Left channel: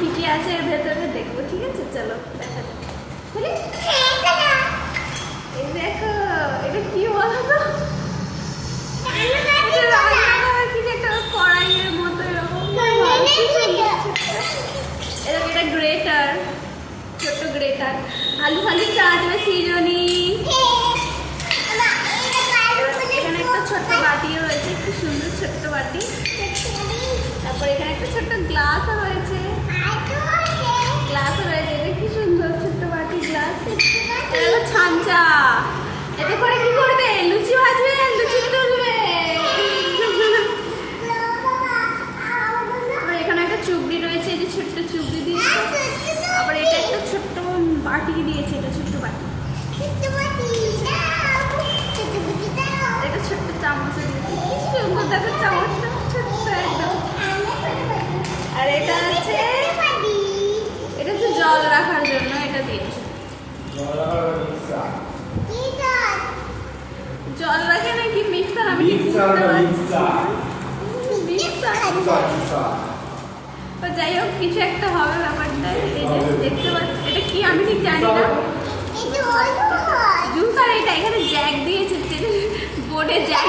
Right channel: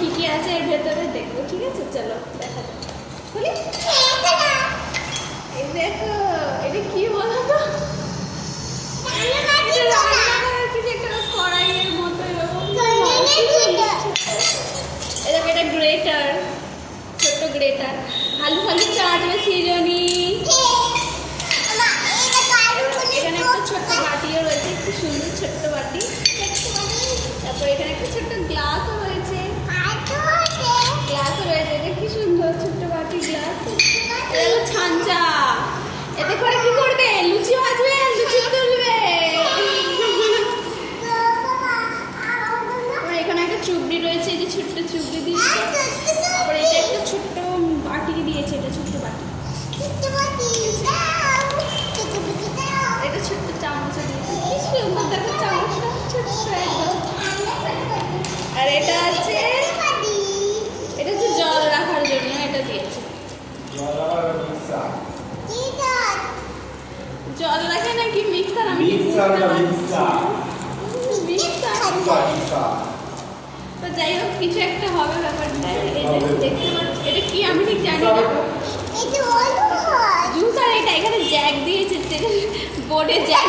কি কি আছে এর ভেতরে দেখবো, ঠিক আছে? চলো দেখা যাক। খুলি। এই দেখো, এটা কি বলো তো? কড়াইয়ের মতো এরকম একটা গ্রেটার, ছোট্ট গ্রেটার। আলু ফালু চাটবে সিজনি। এখানে একটা ছোট্ট বাটিও রয়েছে, খুব সুন্দর ছোট্ট বাটি। তারপর এখানে একটা ছোট্ট গ্লাসও রয়েছে, গ্লাসও রয়েছে। কি সুন্দর ছোট্ট বাটি, গ্লাস। এটা হলো ছাঁচা। এতে করে কি করবে? লুচি ভাজবে, লুচি তুলবে। এখানে একটা চুবড়ি রয়েছে, যে ছোট্ট চুবড়ি দিয়েছে। আবার এটা একটা ছোট্ট বাটি দিয়েছে, এটা ছোট্ট বাটি। এটা ছোট্ট চামচ দিয়েছে, কি সুন্দর দেখো চামচটা, ছোট্ট একদম। আর এটা আছে, এটা হচ্ছে জল রাখার জন্য, এটা দিয়েছে। জল রাখে নাকি মিক্সার? আমি তো যাই হোক, কিছু একটা হবে ব্যাপারটা। দেখতে পাচ্ছি এটা কি আমি ঠিক জানি না। জুস। আর এটা এখানে জ্যাক দিয়েছে, বোর্ডে জ্যাক